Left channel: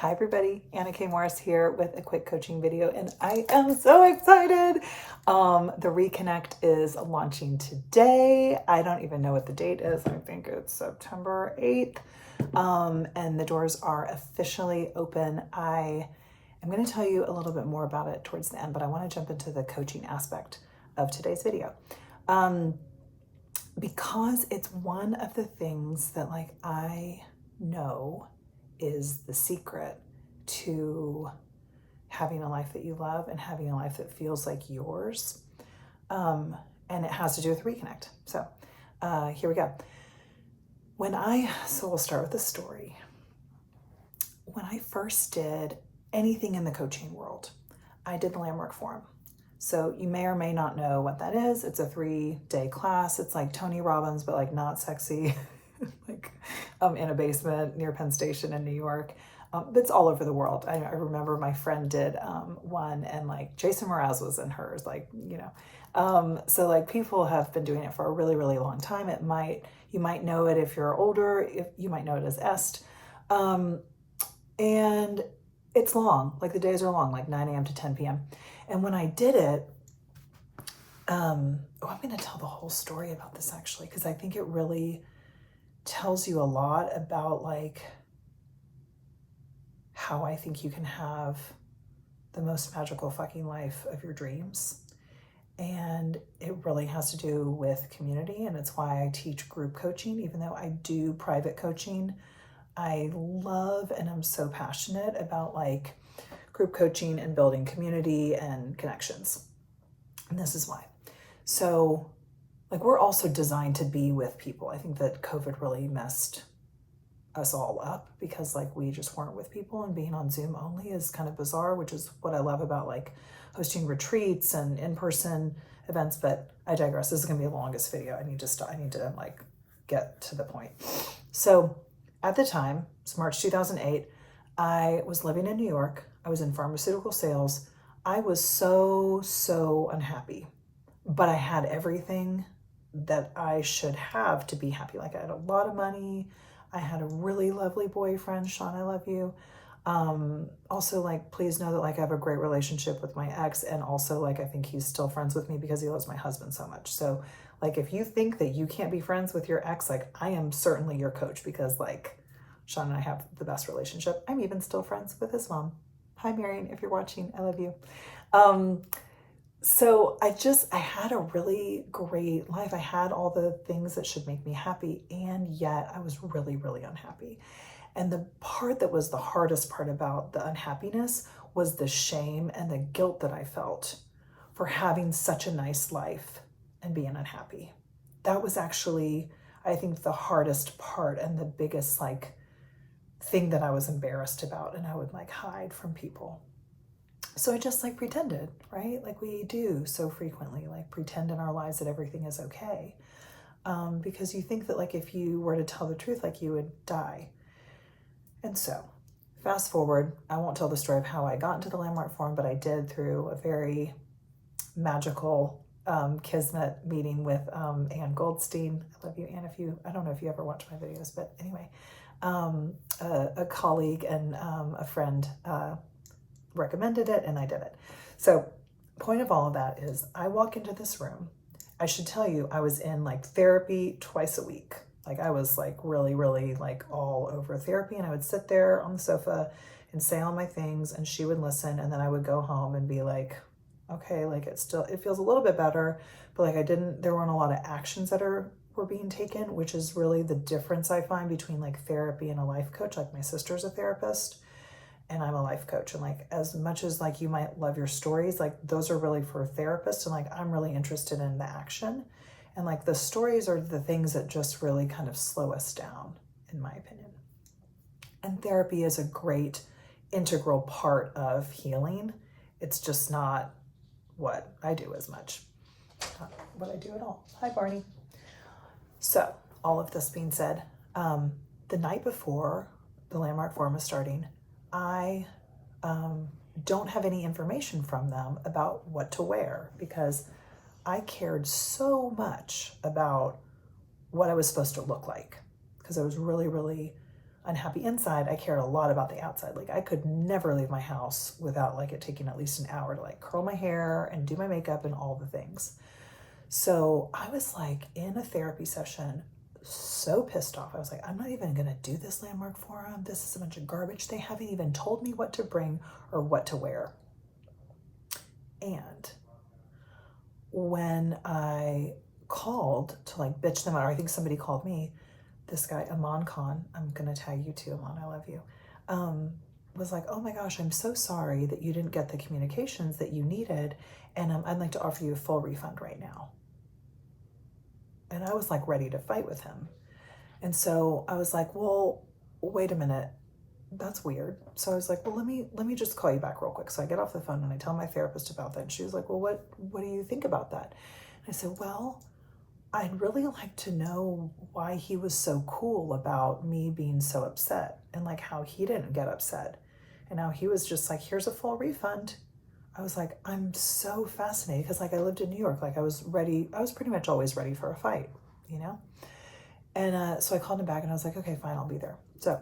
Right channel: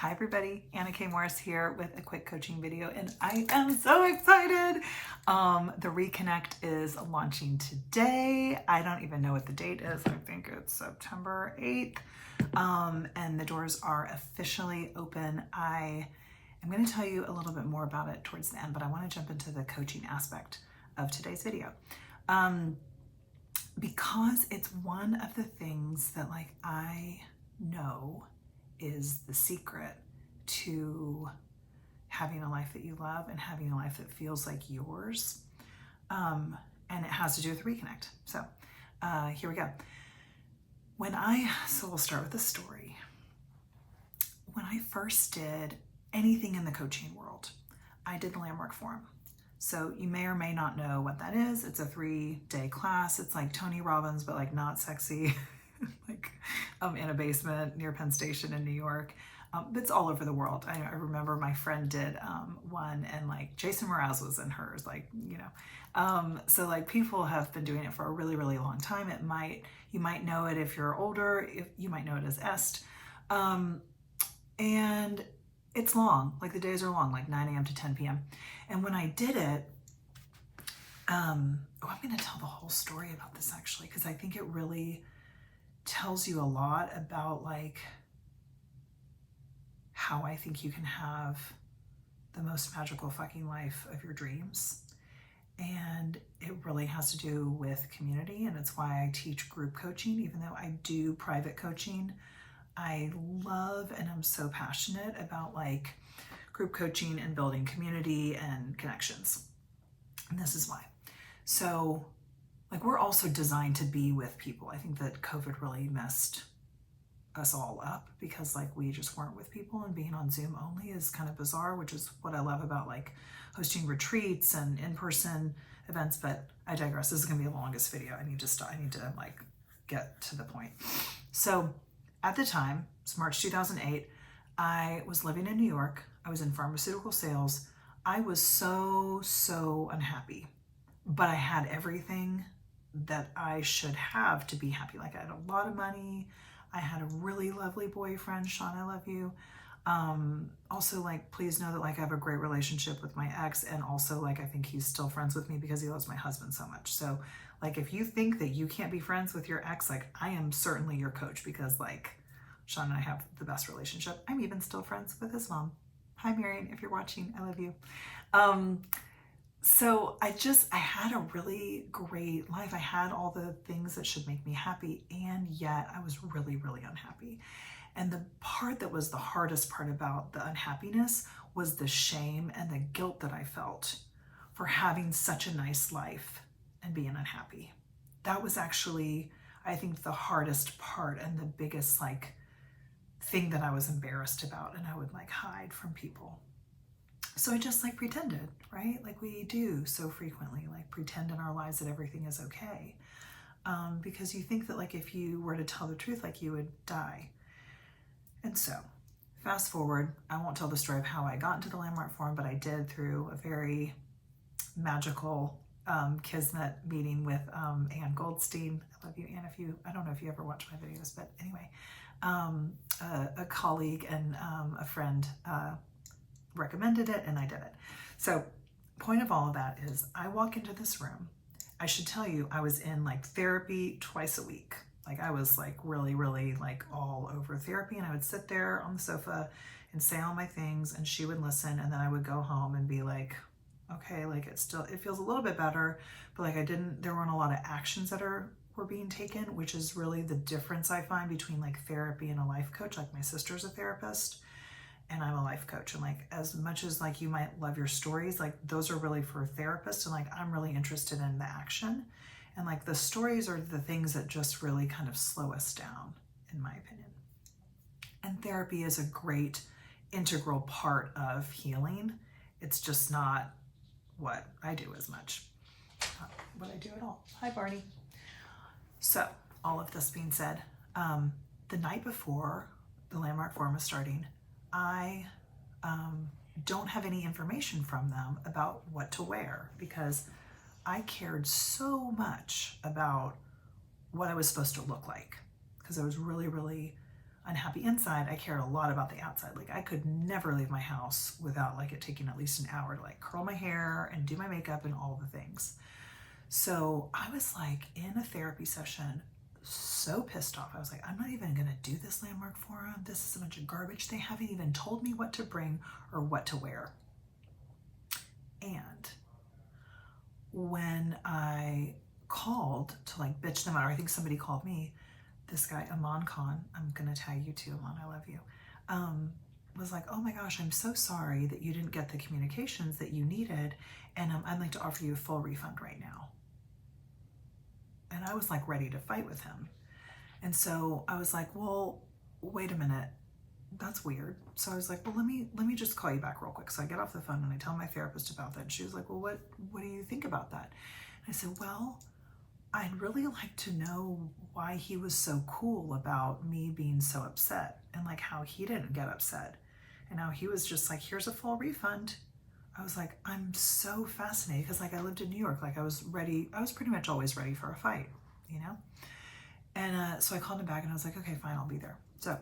Hi everybody, Anna K. Morris here with a quick coaching video, and I am so excited. The Reconnect is launching today. I don't even know what the date is. I think it's September 8th. And the doors are officially open. I am going to tell you a little bit more about it towards the end, but I want to jump into the coaching aspect of today's video. Because it's one of the things that I know is the secret to having a life that you love and having a life that feels like yours. And it has to do with Reconnect. So here we go. So we'll start with the story. When I first did anything in the coaching world, I did the Landmark Forum. So you may or may not know what that is. It's a 3-day class. It's like Tony Robbins, but not sexy. In a basement near Penn Station in New York. It's all over the world. I remember my friend did one, and Jason Mraz was in hers, so people have been doing it for a really, really long time. You might know it if you're older, you might know it as EST. And it's long, the days are long, 9 a.m. to 10 p.m. And when I did it, I'm going to tell the whole story about this actually, because I think it really tells you a lot about how I think you can have the most magical fucking life of your dreams. And it really has to do with community, and it's why I teach group coaching. Even though I do private coaching, I love and I'm so passionate about group coaching and building community and connections. And this is why. So we're also designed to be with people. I think that COVID really messed us all up because we just weren't with people, and being on Zoom only is kind of bizarre, which is what I love about hosting retreats and in-person events. But I digress. This is going to be the longest video. I need to get to the point. So at the time, it's March 2008, I was living in New York. I was in pharmaceutical sales. I was so unhappy, but I had everything that I should have to be happy. I had a lot of money. I had a really lovely boyfriend. Sean, I love you. Also, please know that I have a great relationship with my ex, and also I think he's still friends with me because he loves my husband so much. So if you think that you can't be friends with your ex, I am certainly your coach, because Sean and I have the best relationship. I'm even still friends with his mom. Hi, Marion, if you're watching, I love you. So I had a really great life. I had all the things that should make me happy, and yet I was really, really unhappy. And the part that was the hardest part about the unhappiness was the shame and the guilt that I felt for having such a nice life and being unhappy. That was actually, I think, the hardest part and the biggest thing that I was embarrassed about, and I would hide from people. So I just pretended, right? We do so frequently, pretend in our lives that everything is okay. Because you think that if you were to tell the truth, you would die. And so fast forward, I won't tell the story of how I got into the Landmark Forum, but I did through a very magical kismet meeting with Ann Goldstein. I love you, Ann. I don't know if you ever watch my videos, but anyway, a colleague and a friend recommended it, and I did it. So point of all of that is I walk into this room. I should tell you, I was in therapy twice a week. I was really, really all over therapy, and I would sit there on the sofa and say all my things, and she would listen, and then I would go home and be okay, it feels a little bit better, but there weren't a lot of actions that were being taken, which is really the difference I find between therapy and a life coach. My sister's a therapist and I'm a life coach, and as much as you might love your stories, those are really for therapists, and I'm really interested in the action, and the stories are the things that just really kind of slow us down, in my opinion. And therapy is a great integral part of healing. It's just not what I do as much, not what I do at all. Hi, Barney. So all of this being said, the night before the Landmark Forum is starting, I don't have any information from them about what to wear, because I cared so much about what I was supposed to look like, because I was really, really unhappy inside, I cared a lot about the outside. Like I could never leave my house without like it taking at least an hour to like curl my hair and do my makeup and all the things. So I was like in a therapy session, so pissed off. I was like, I'm not even gonna do this landmark forum. This is a bunch of garbage. They haven't even told me what to bring or what to wear. And when I called to like bitch them out, or I think somebody called me, this guy, Aman Khan, I'm gonna tag you too, Aman, I love you, was like, oh my gosh, I'm so sorry that you didn't get the communications that you needed, and I'd like to offer you a full refund right now. And I was like ready to fight with him. And so I was like, well, wait a minute, that's weird. So I was like, well, let me just call you back real quick. So I get off the phone and I tell my therapist about that. And she was like, well, what do you think about that? And I said, well, I'd really like to know why he was so cool about me being so upset, and like how he didn't get upset and how he was just like, here's a full refund. I was like, I'm so fascinated because like I lived in New York, like I was pretty much always ready for a fight, you know? And so I called him back and I was like, okay, fine, I'll be there. So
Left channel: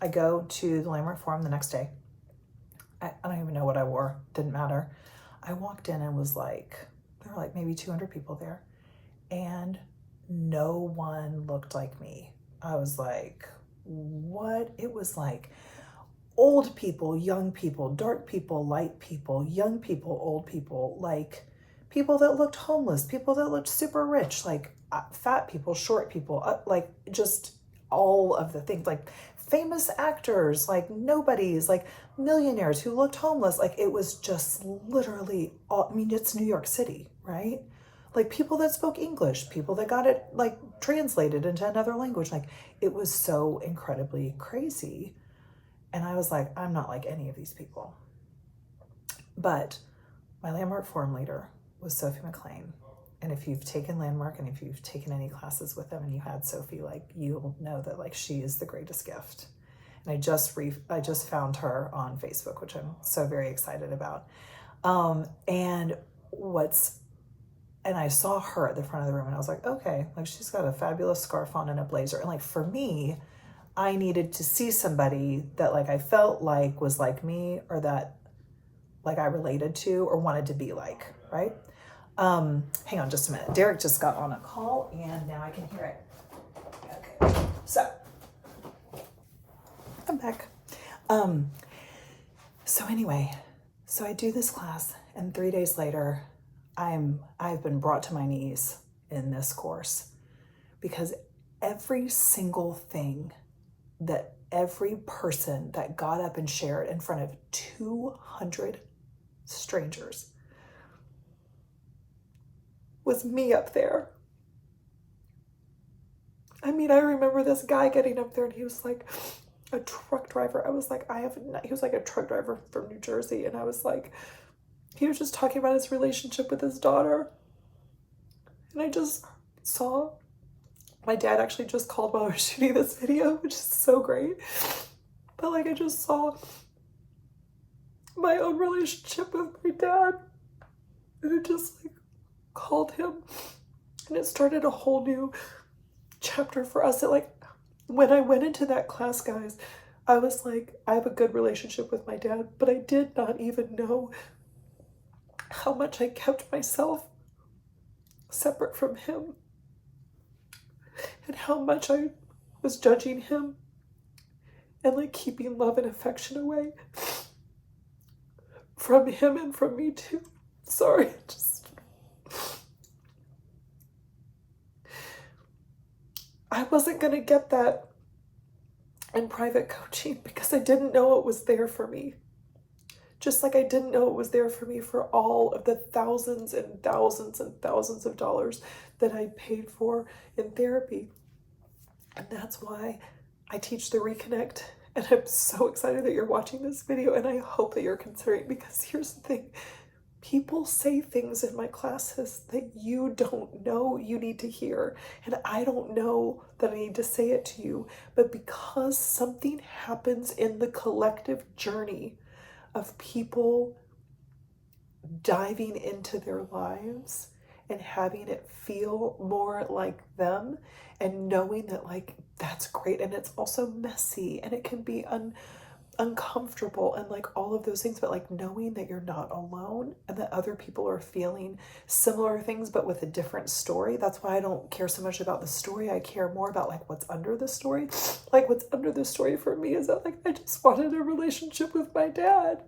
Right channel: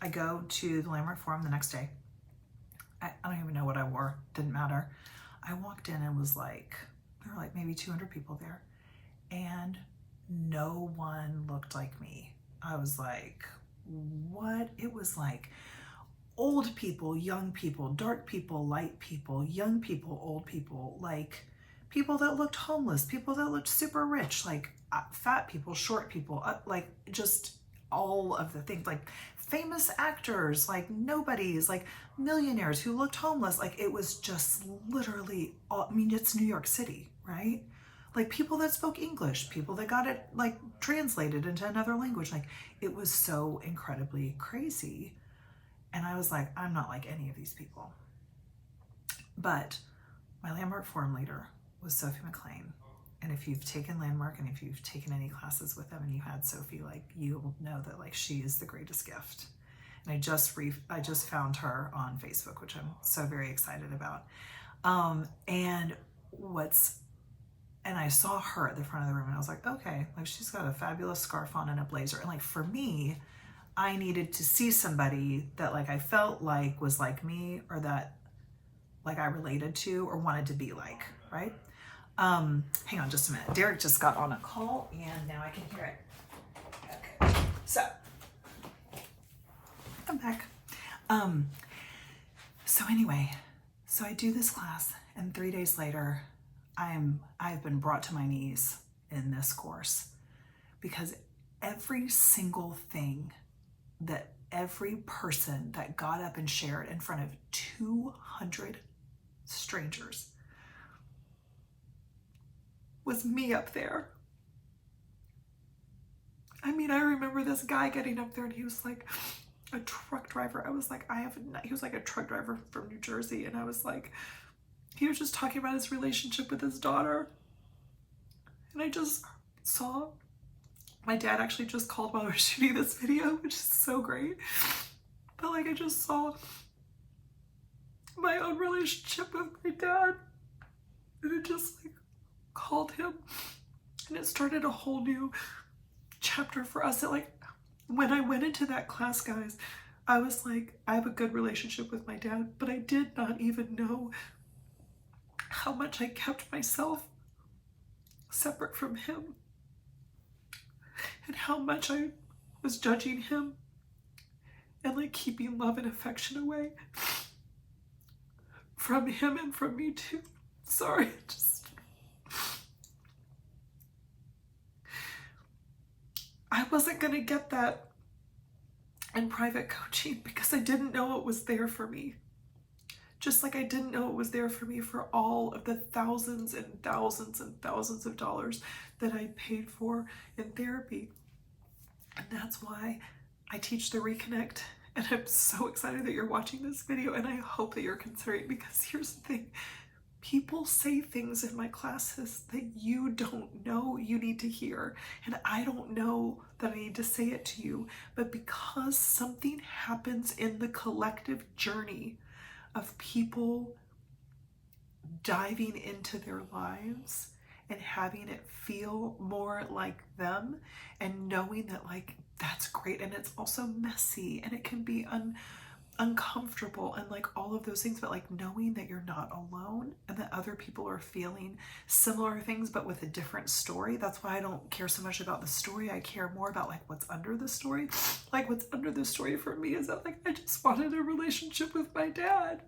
I go to the Landmark Forum the next day. I don't even know what I wore, didn't matter. I walked in and was like, there were like maybe 200 people there, and no one looked like me. I was like, what? It was like old people, young people, dark people, light people, young people, old people, like people that looked homeless, people that looked super rich, like fat people, short people, like just all of the things, like famous actors, like nobodies, like millionaires who looked homeless. Like it was just literally all, I mean, it's New York City, right? Like people that spoke English, people that got it like translated into another language. Like it was so incredibly crazy. And I was like, I'm not like any of these people. But my Landmark Forum leader was Sophie McLean. And if you've taken Landmark and if you've taken any classes with them and you had Sophie, like you'll know that like she is the greatest gift. And I just found her on Facebook, which I'm so very excited about. And I saw her at the front of the room and I was like, okay, like she's got a fabulous scarf on and a blazer. And like for me, I needed to see somebody that like I felt like was like me, or that like I related to or wanted to be like, right? Hang on just a minute. Derek just got on a call and now I can hear it. Okay, so I'm back. So anyway, so I do this class and 3 days later, I've been brought to my knees in this course because every single thing that every person that got up and shared in front of 200 strangers was me up there. I mean, I remember this guy getting up there and he was like a truck driver. I was like, he was like a truck driver from New Jersey. And I was like, he was just talking about his relationship with his daughter. And I just saw, my dad actually just called while I was shooting this video, which is so great. But like, I just saw my own relationship with my dad. And it just like called him. And it started a whole new chapter for us. That like, when I went into that class, guys, I was like, I have a good relationship with my dad, but I did not even know how much I kept myself separate from him and how much I was judging him and like keeping love and affection away from him and from me too. Sorry, I wasn't gonna get that in private coaching because I didn't know it was there for me. Just like I didn't know it was there for me for all of the thousands and thousands and thousands of dollars that I paid for in therapy. And that's why I teach the Reconnect. And I'm so excited that you're watching this video, and I hope that you're considering, because here's the thing. People say things in my classes that you don't know you need to hear. And I don't know that I need to say it to you, but because something happens in the collective journey of people diving into their lives and having it feel more like them, and knowing that like that's great, and it's also messy and it can be uncomfortable and like all of those things, but like knowing that you're not alone and that other people are feeling similar things but with a different story. That's why I don't care so much about the story. I care more about like what's under the story. Like what's under the story for me is that like I just wanted a relationship with my dad,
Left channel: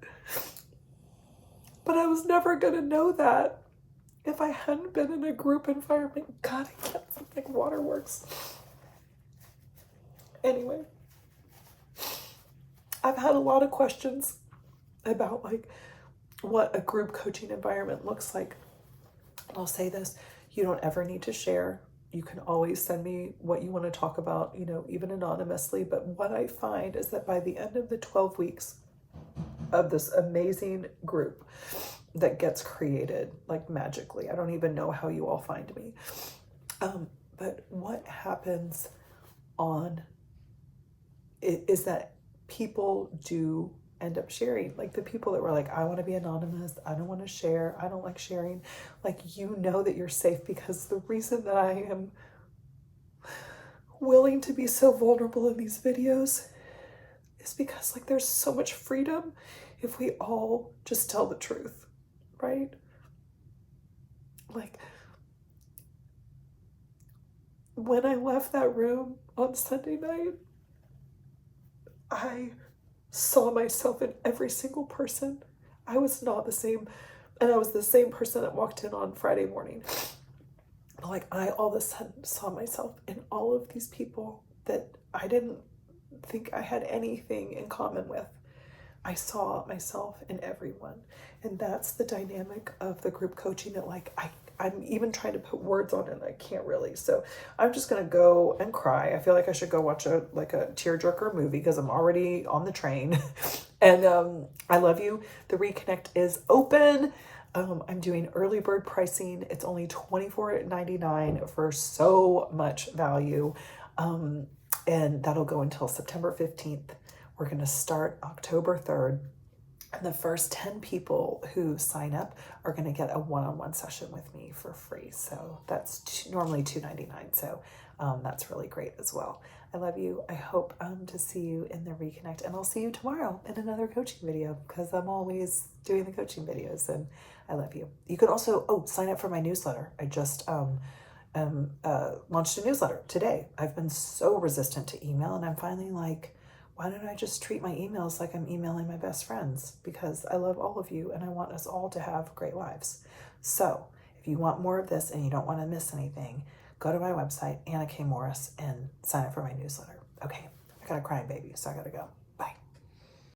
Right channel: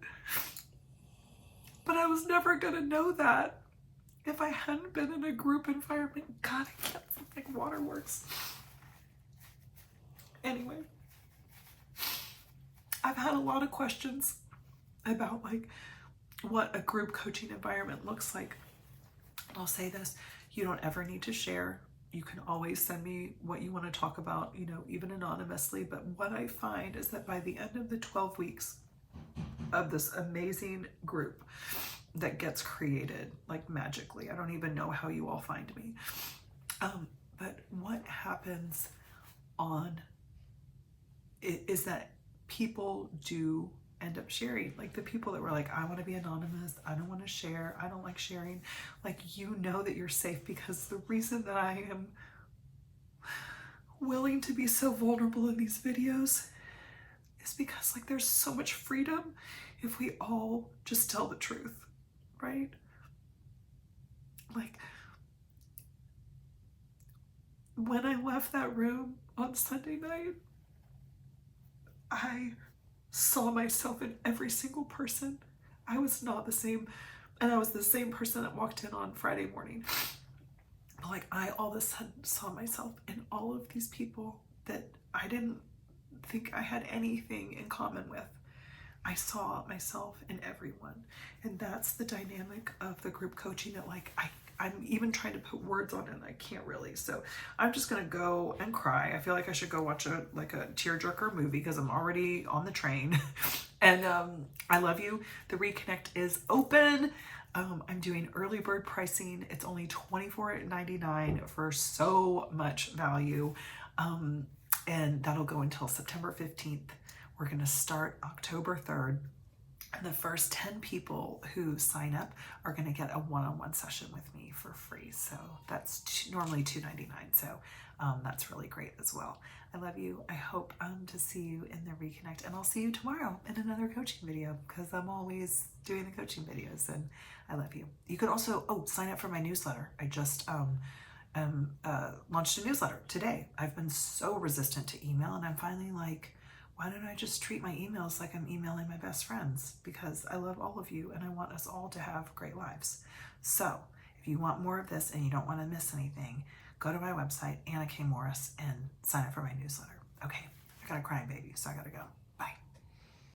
but I was never gonna know that if I hadn't been in a group environment. God, I can't think waterworks. Anyway, I've had a lot of questions about like what a group coaching environment looks like. I'll say this, you don't ever need to share. You can always send me what you want to talk about, you know, even anonymously. But what I find is that by the end of the 12 weeks of this amazing group that gets created like magically, I don't even know how you all find me. But what happens on it is that people do end up sharing. Like the people that were like, I want to be anonymous, I don't want to share, I don't like sharing, like, you know that you're safe, because the reason that I am willing to be so vulnerable in these videos is because like there's so much freedom if we all just tell the truth, right? Like when I left that room on Sunday night, I saw myself in every single person. I was not the same, and I was the same person that walked in on Friday morning. But like I all of a sudden saw myself in all of these people that I didn't think I had anything in common with. I saw myself in everyone. And that's the dynamic of the group coaching that like I'm even trying to put words on it and I can't really. So I'm just gonna go and cry. I feel like I should go watch a tearjerker movie because I'm already on the train. And I love you. The Reconnect is open. I'm doing early bird pricing. It's only $24.99 for so much value. And that'll go until September 15th. We're going to start October 3rd. And the first 10 people who sign up are going to get a one-on-one session with me for free. So that's normally $2.99. So that's really great as well. I love you. I hope to see you in the Reconnect. And I'll see you tomorrow in another coaching video because I'm always doing the coaching videos. And I love you. You could also, sign up for my newsletter. I just launched a newsletter today. I've been so resistant to email, and I'm finally like, why don't I just treat my emails like I'm emailing my best friends? Because I love all of you and I want us all to have great lives. So if you want more of this and you don't want to miss anything, go to my website, Anna K. Morris, and sign up for my newsletter. Okay, I got a crying baby, so I gotta go.